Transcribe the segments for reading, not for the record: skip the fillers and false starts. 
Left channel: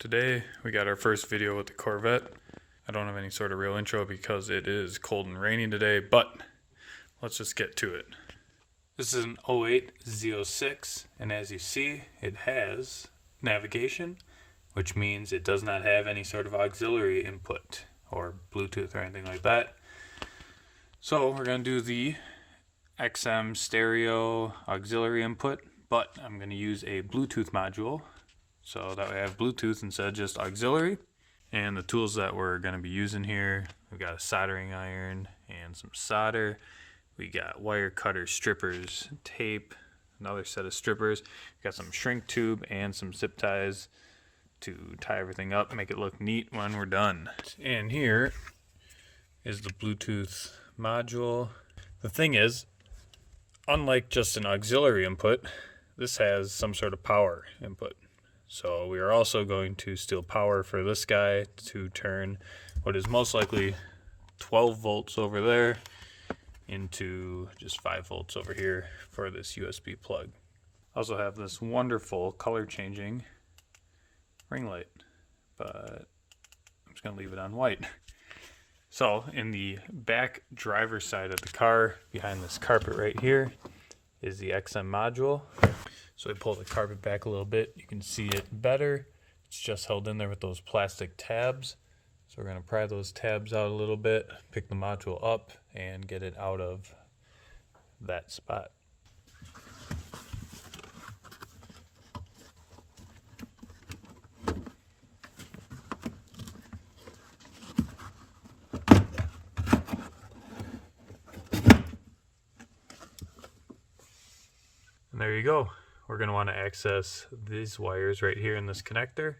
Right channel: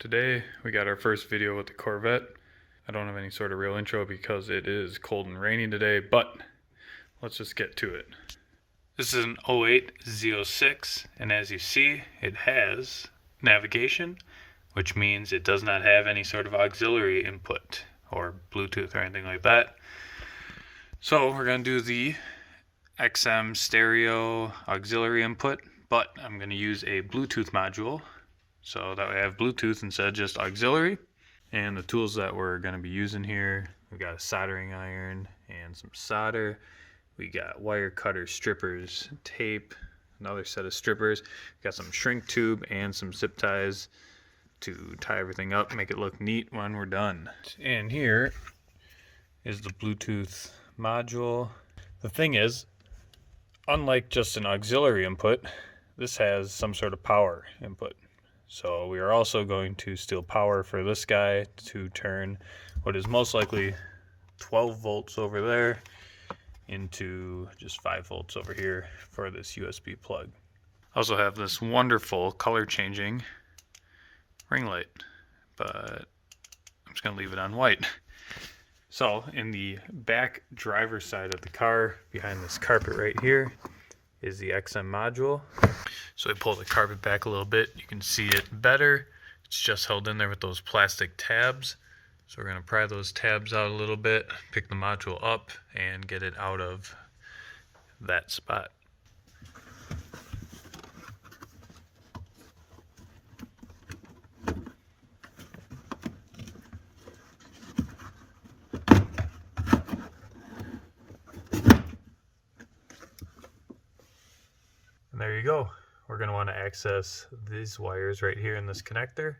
Today we got our first video with the Corvette. I don't have any sort of real intro because it is cold and rainy today, but let's just get to it. This is an 08 Z06, and as you see, it has navigation, which means it does not have any sort of auxiliary input or Bluetooth or anything like that. So we're going to do the XM stereo auxiliary input, but I'm going to use a Bluetooth module. So that way I have Bluetooth instead of just auxiliary. And the tools that we're going to be using here, we've got a soldering iron and some solder. We got wire cutter strippers, tape, another set of strippers. We got some shrink tube and some zip ties to tie everything up, make it look neat when we're done. And here is the Bluetooth module. The thing is, unlike just an auxiliary input, this has some sort of power input. So we are also going to steal power for this guy to turn what is most likely 12 volts over there into just 5 volts over here for this USB plug. I also have this wonderful color changing ring light, but I'm just going to leave it on white. So in the back driver's side of the car, behind this carpet right here, is the XM module. So we pull the carpet back a little bit, you can see it better. It's just held in there with those plastic tabs. So we're going to pry those tabs out a little bit, pick the module up, and get it out of that spot. And there you go. We're going to want to access these wires right here in this connector.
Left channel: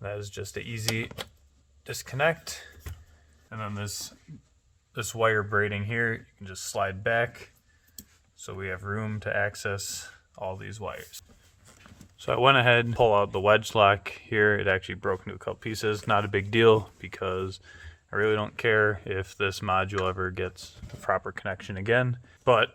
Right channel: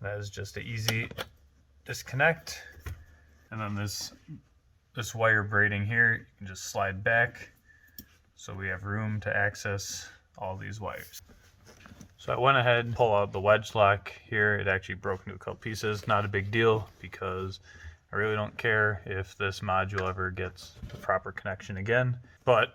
That is just an easy disconnect. And then this wire braiding here, you can just slide back so we have room to access all these wires. So I went ahead and pulled out the wedge lock here. It actually broke into a couple pieces. Not a big deal because I really don't care if this module ever gets the proper connection again. But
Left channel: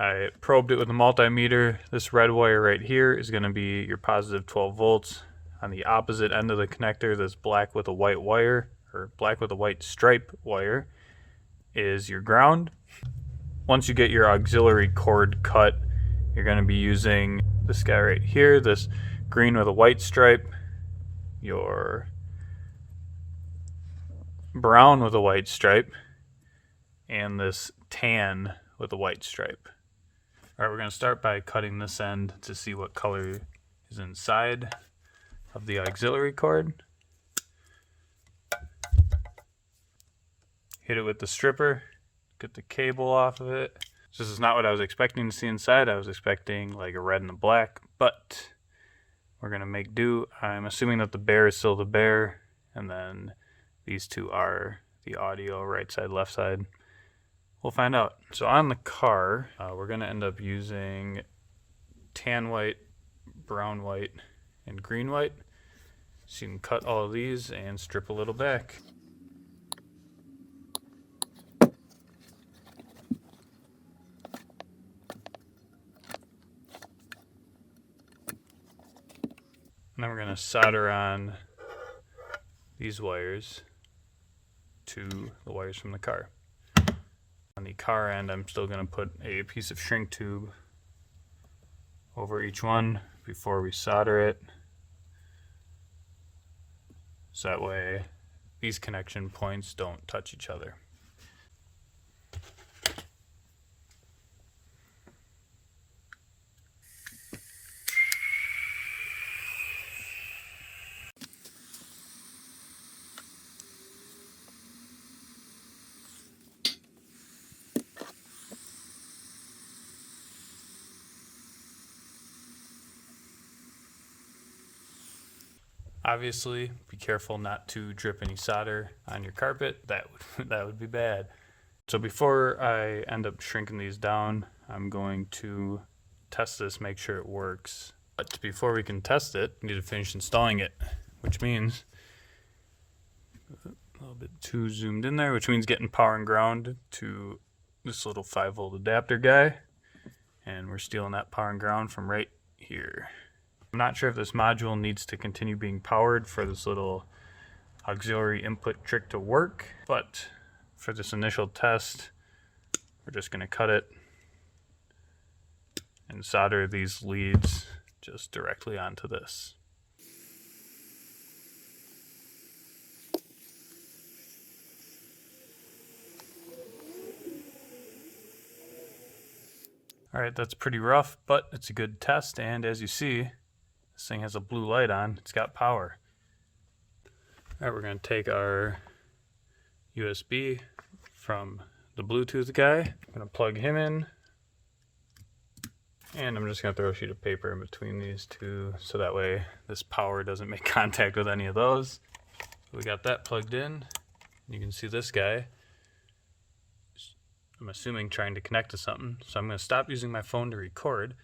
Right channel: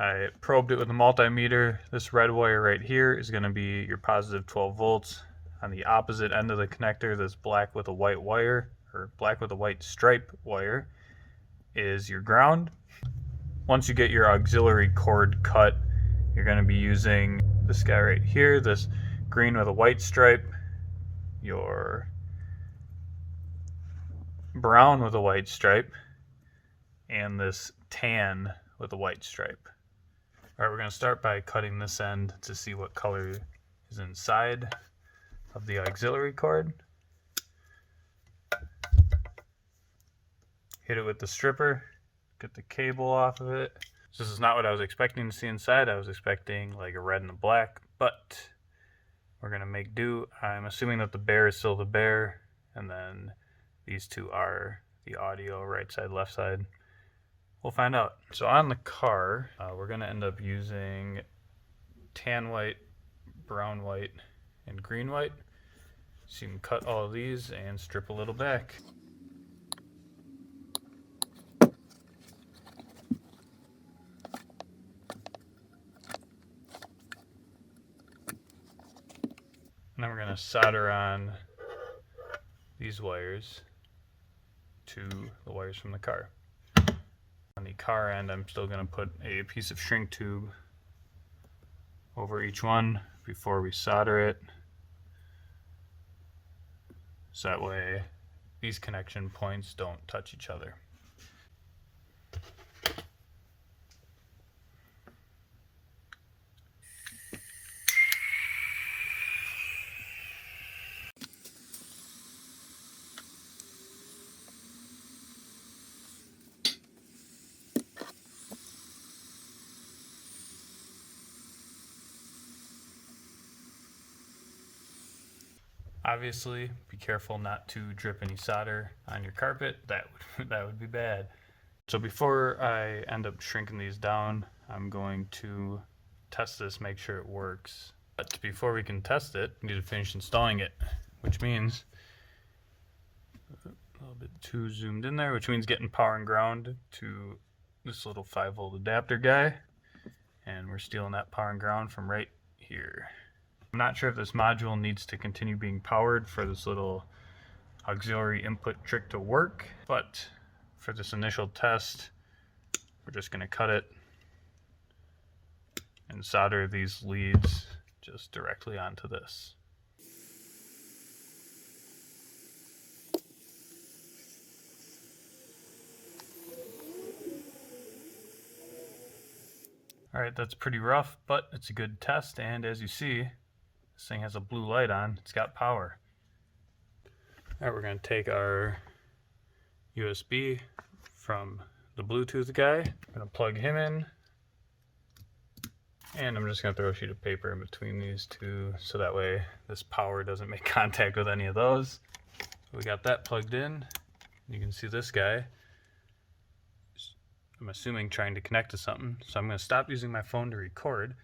I probed it with a multimeter. This red wire right here is going to be your positive 12 volts. On the opposite end of the connector, this black with a white wire, or black with a white stripe wire, is your ground. Once you get your auxiliary cord cut, you're going to be using this guy right here, this green with a white stripe, your brown with a white stripe, and this tan with a white stripe. Alright, we're going to start by cutting this end to see what color is inside of the auxiliary cord. Hit it with the stripper, get the cable off of it. This is not what I was expecting to see inside. I was expecting like a red and a black, but we're going to make do. I'm assuming that the bear is still the bear, and then these two are the audio, right side, left side. We'll find out. So on the car, we're going to end up using tan white, brown white, and green white. So you can cut all of these and strip a little back. And then we're going to solder on these wires to the wires from the car. On the car end, I'm still going to put a piece of shrink tube over each one before we solder it. So that way these connection points don't touch each other. Obviously, be careful not to drip any solder on your carpet. That would be bad. So before I end up shrinking these down, I'm going to test this, make sure it works. But before we can test it, we need to finish installing it, which means a little bit too zoomed in there, which means getting power and ground to this little 5-volt adapter guy. And we're stealing that power and ground from right here. I'm not sure if this module needs to continue being powered for this little auxiliary input trick to work, but for this initial test, we're just going to cut it and solder these leads just directly onto this. Alright, that's pretty rough, but it's a good test, and as you see, this thing has a blue light on. It's got power. Alright, we're going to take our USB from the Bluetooth guy. I'm going to plug him in, and I'm just going to throw a sheet of paper in between these two so that way this power doesn't make contact with any of those. We got that plugged in. You can see this guy, I'm assuming, trying to connect to something. So I'm going to stop using my phone to record,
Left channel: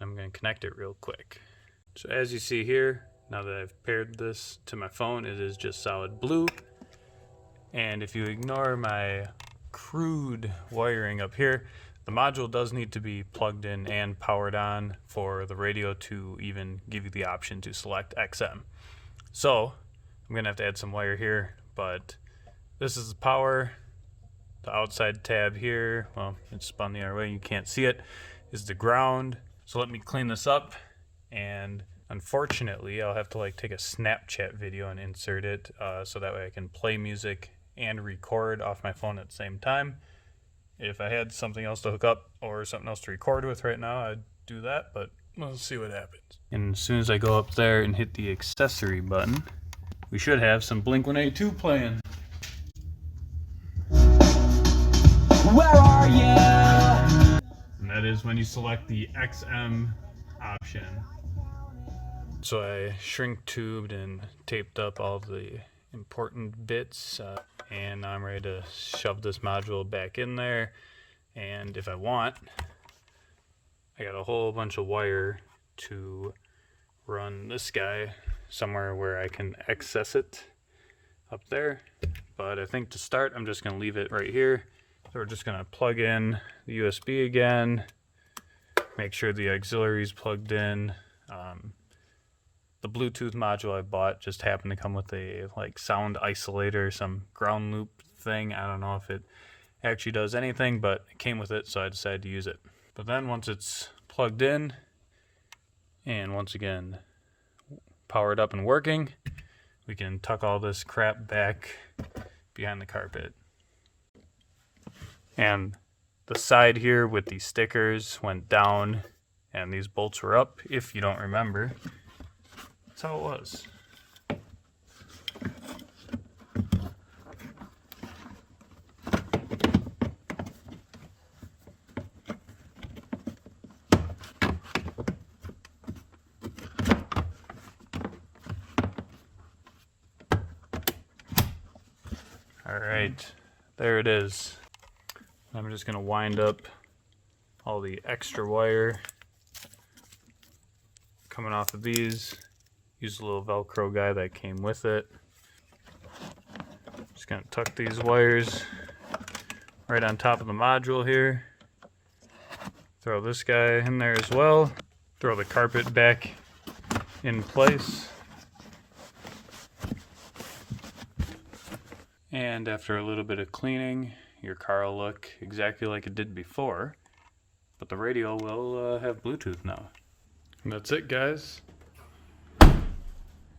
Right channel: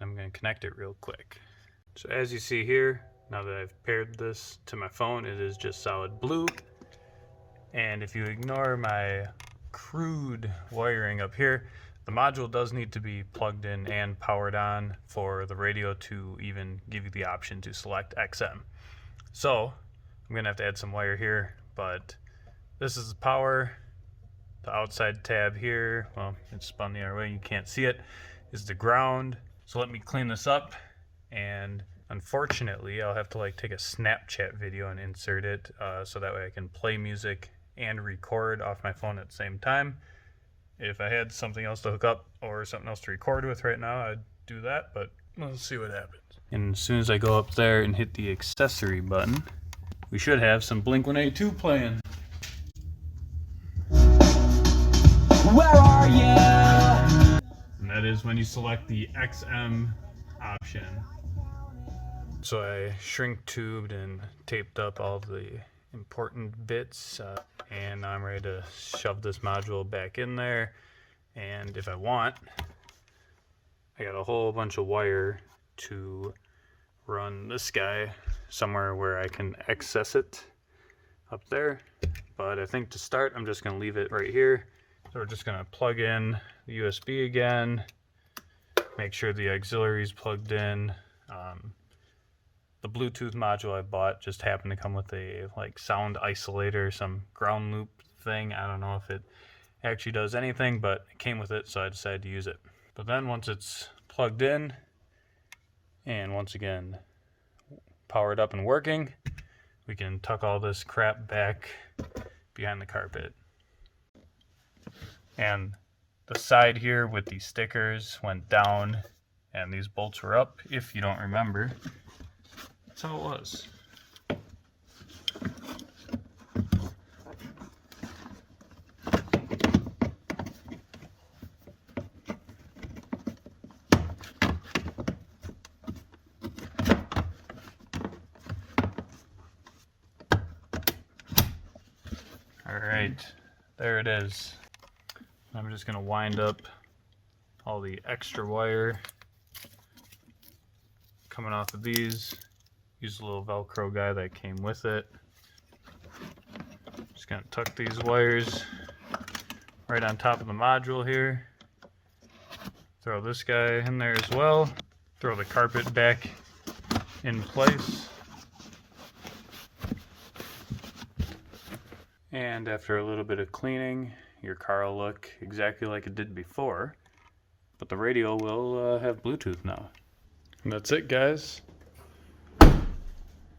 and I'm going to connect it real quick. So as you see here, now that I've paired this to my phone, it is just solid blue. And if you ignore my crude wiring up here, the module does need to be plugged in and powered on for the radio to even give you the option to select XM. So I'm going to have to add some wire here, but this is the power. The outside tab here, well, it's spun the other way, you can't see it, is the ground. So let me clean this up, and unfortunately I'll have to take a Snapchat video and insert it so that way I can play music and record off my phone at the same time. If I had something else to hook up or something else to record with right now, I'd do that, but we'll see what happens. And as soon as I go up there and hit the accessory button, we should have some Blink-182 playing. Where are you? And that is when you select the XM option. So I shrink tubed and taped up all of the important bits, and now I'm ready to shove this module back in there. And if I want, I got a whole bunch of wire to run this guy somewhere where I can access it up there. But I think to start, I'm just going to leave it right here. So we're just going to plug in the USB again, make sure the auxiliary is plugged in. The Bluetooth module I bought just happened to come with a sound isolator, some ground loop thing. I don't know if it actually does anything, but it came with it, so I decided to use it. But then once it's plugged in, and once again powered up and working, we can tuck all this crap back behind the carpet. And the side here with these stickers went down and these bolts were up, if you don't remember. That's how it was. All right, there it is. I'm just going to wind up all the extra wire coming off of these. Use a little Velcro guy that came with it. Just going to tuck these wires right on top of the module here. Throw this guy in there as well. Throw the carpet back in place. And after a little bit of cleaning, your car will look exactly like it did before, but the radio will have Bluetooth now. And that's it, guys.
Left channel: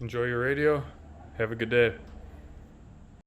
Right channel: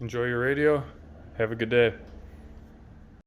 Enjoy your radio. Have a good day.